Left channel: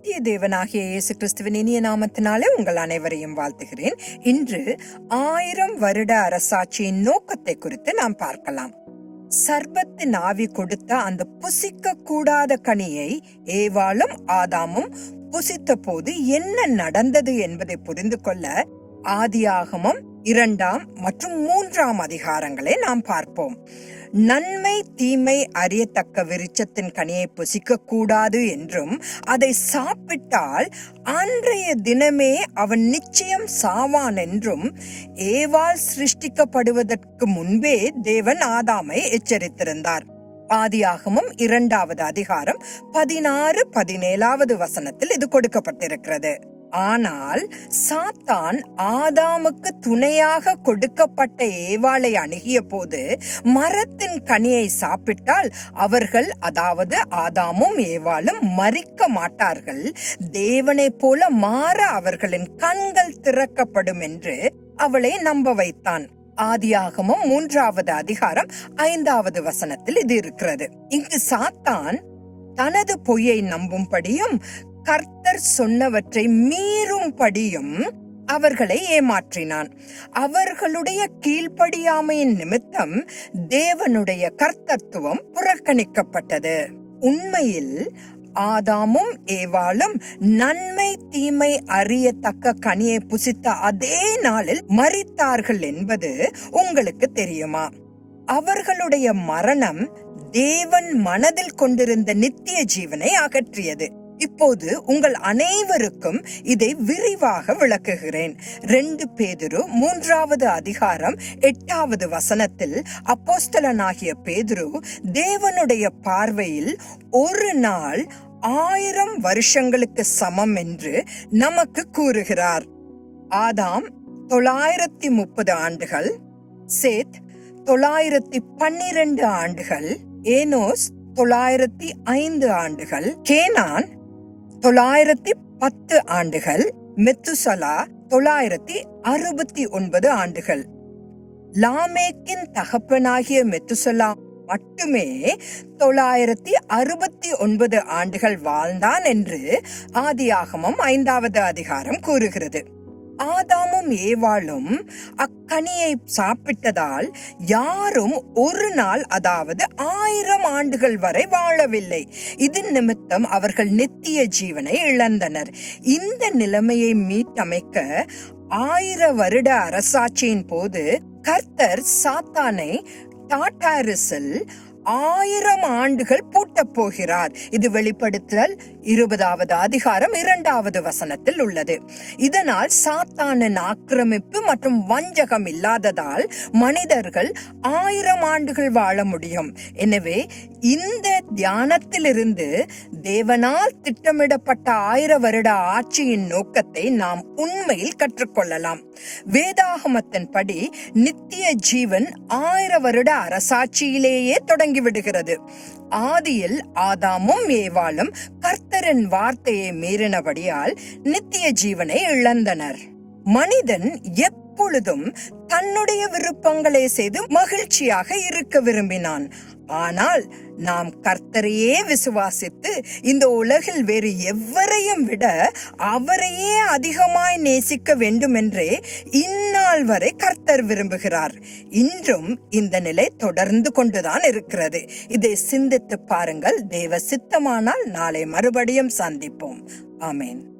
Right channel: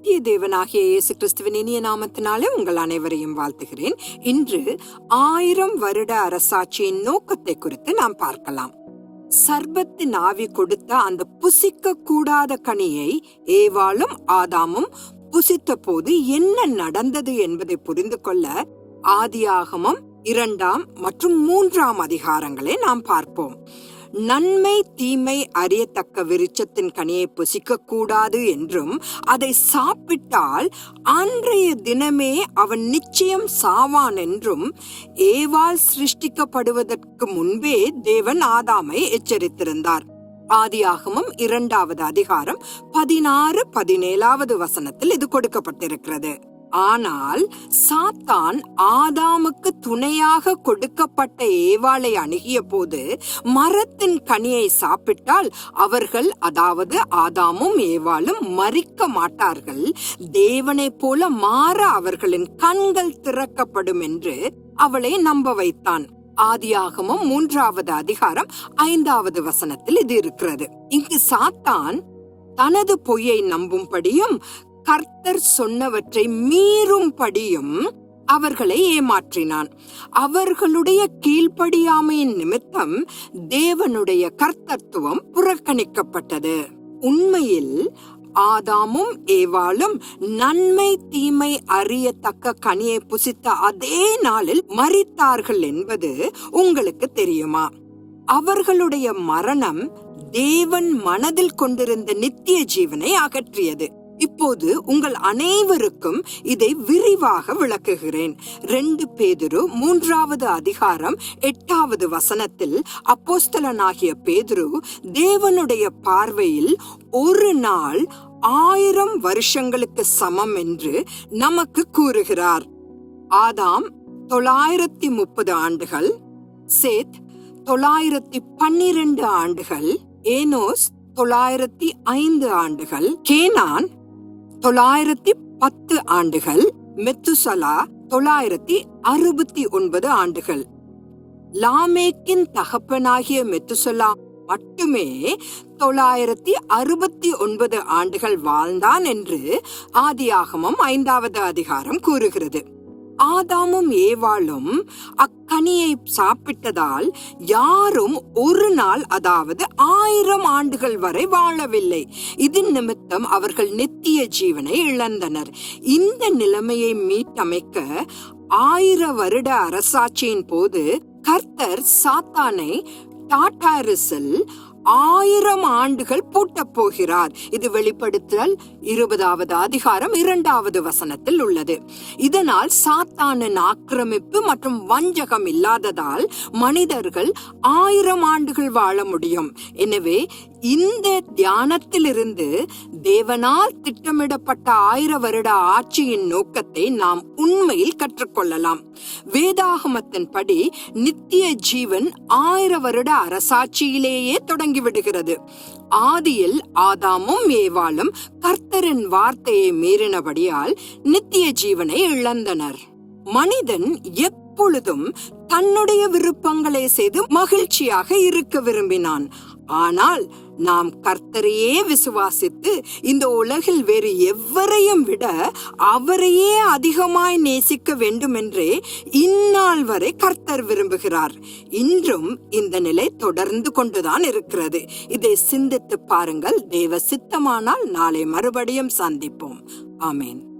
தேவனாகிய இயேசு கிறிஸ்துவின் இனிய நாமத்தினாலே உங்கள் அனைவரையும் வாழ்த்துகிறேன். இன்று ஆயிரம் வருட அரசாட்சியின் நோக்கத்தை குறித்து நாம் பார்க்கலாம். சர்பத்தின் ஆவி கொடுத்த அந்த புசிக்க கூடாத கனியை ஏவாளும் ஆதாமும் புசித்த போது என்ன நடந்தது என்பதை புரிந்து கொள்ள ஆதியாகமும் இரண்டாம் மற்றும் மூன்றாம் அதிகாரங்களை நாம் பார்ப்போம். நன்மை தீமை அறியத்தக்க விருட்சத்தின் கனியை புசிக்க கூடாது என்றும் அதை சாப்பிட்டால் அன்றைய தினமே அவன் நிச்சயம் சாவான் என்றும் ஏவால் சிருஷ்டிக்கப்படுவதற்கு முன்பே தேவன் ஆதாமை எச்சரித்திருந்தார். ஆதியாகமும் இரண்டாவது அதிகாரம் பதினாறு பதினேழாவது வசனத்தில் இது கொடுக்கப்பட்டிருக்கிறது. ஆனால் சாத்தான் ஆதாமுக்கு துணையாக கொடுக்கப்பட்ட ஏவாளை அணுகிய போது மரத்தின் கனியை சாப்பிட்டால் அவர்கள் அதாவது ஆதாமும் ஏவாளும் மறிக்க மாட்டார்கள். தேவனைப் போல மாற அவர்களின் கண்கள் திறக்கப்படும் என்று அவளை நம்ப வைத்தான். ஆதியாகமும் மூன்றாவது அதிகாரம் ஐந்தாவது வசனத்தில் இது இருக்கிறது. இங்கு சாத்தான் தனது பொய்யை நம்பும்படியும் கர்த்தர் சொன்னவற்றை மீறும்படியும் அவர்களை ஏமாற்றினான். அவர்களுடைய கீழ்ப்படியாமையின் நிமித்தம் தேவனுடைய கர்த்தத்துவம் புறக்கணிக்கப்பட்டது. உண்மையில் ஆதாமும் ஏவாளும் நன்மை தீமை அறியத்தக்க கனியை புசித்த அதே நாளில் மறித்தார்கள் என்பது உங்களுக்கு தெரியுமா? அவர்களுடைய மரணம் தேவன் மனதில் கொண்டிருந்த நித்திய ஜீவனை அகற்றியது. இப்போது உங்கள் அனைவருக்கும் இதை விரிவாக விளக்குகிறேன். ரெண்டு பேதுரு மூன்றாவது அதிகாரம் எட்டாவது வசனத்தில் அப்போஸ்தலனாகிய பேதுரு தேவனுடைய பார்வையில் ஒரு நாள் ஆயிரம் வருஷங்களுக்கு சமம் என்று நமக்கு கூறுகிறார். ஆதாம் தொள்ளாயிரத்தி முப்பது ஆண்டுகள் சேத் தொள்ளாயிரத்தி பன்னிரண்டு ஆண்டுகள் ஏனோஸ் தொள்ளாயிரத்தி ஐந்து ஆண்டுகள் கேனான் தொள்ளாயிரத்தி பத்து ஆண்டுகள் மெத்துசலா தொள்ளாயிரத்தி அறுபத்தி ஒன்பது ஆண்டுகள். லாமேக்கின் தகப்பனாகிய மெத்துசலா மட்டுமே தொள்ளாயிரத்தி அறுபத்தி ஒன்பது ஆண்டுகள் வாழ்ந்தான் என்று ஆதியாகமம் ஐந்தாவது அதிகாரம் கூறுகிறது. ஆதாமும் ஏவாளும் அக்கனியை சாப்பிட்டதால் யாரும் ஒரு நாள் அதாவது ஆயிரம் ஆண்டுகள் வரை வாழவில்லை. இது நிமித்தம் அவர்கள் நித்திய ஜீவனை இழந்தனர். இந்த நிலைமையை மீட்டமைக்க ஆயிர வருட அரசாட்சியின் போது கர்த்தர் சாத்தானை டாட்டாரிஸில் ஆயிரம் ஆண்டுகள் பூட்டப் போகிறார். இது வெளிப்படுத்தல் இருபதாவது அதிகாரம் இரண்டாவது வசனத்தில் உள்ளது. இதனால் சாத்தானின் ஆக்கிரமிப்பு மற்றும் வஞ்சகம் இல்லாததால் மனிதர்கள் ஆயிரம் ஆண்டுகள் வாழ முடியும். எனவே இந்த தியானத்திலிருந்து தேவனால் திட்டமிடப்பட்ட ஆயிர வருட ஆட்சியின் நோக்கத்தை நாம் உண்மையில் கற்றுக்கொள்ளலாம். வேதாகமத்தின் படி நித்திய ஜீவன் ஆயிர வருட அரசாட்சியிலேயே தொடங்கிவிடுகிறது. ஆதியில் ஆதாமும் ஏவாளும் கர்த்தரின் வார்த்தையை மீறினபடியால் நித்திய ஜீவனை இழந்தனர். மனிதன் எப்பொழுதும் தன்னுடைய விருப்பங்களை செய்து மகிழ்ச்சியாக இருக்க விரும்பினான். ஆனால் நாம் கர்த்தரையே விசுவாசித்து இந்த உலகில் வேறு எவரையும் விட அவரையே அதிகமாய் நேசிக்க வேண்டும் என்றே இந்நாள் வரை கர்த்தர் விரும்புகிறார். இன்றும் இந்த நிலை தொடர்ந்து கொண்டுதான் இருக்கிறது. இதை சிந்தித்து பாருங்கள். தேவ சித்தமானால் நாளை மறுபடியும் சந்திப்போம். ஆமேன்.